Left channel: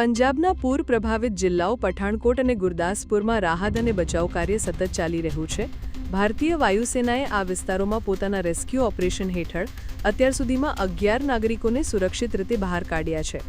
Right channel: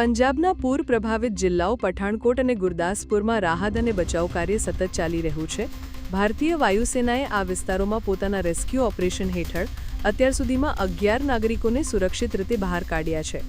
પંજાબના પૂર પ્રભાવિત જિલ્લાઓ પઠાણકોટ અને ગુરદાસપુરમાં રાહત અને બચાવ કાર્ય સતત ચાલી રહ્યું છે. ભારતીય વાયુસેનાએ આ વિસ્તારોમાં પોતાના રેસ્ક્યુ ઓપરેશન હેઠળ અત્યાર સુધીમાં 11 નાગરિકોને સુરક્ષિત રીતે બહાર કાઢ્યા છે.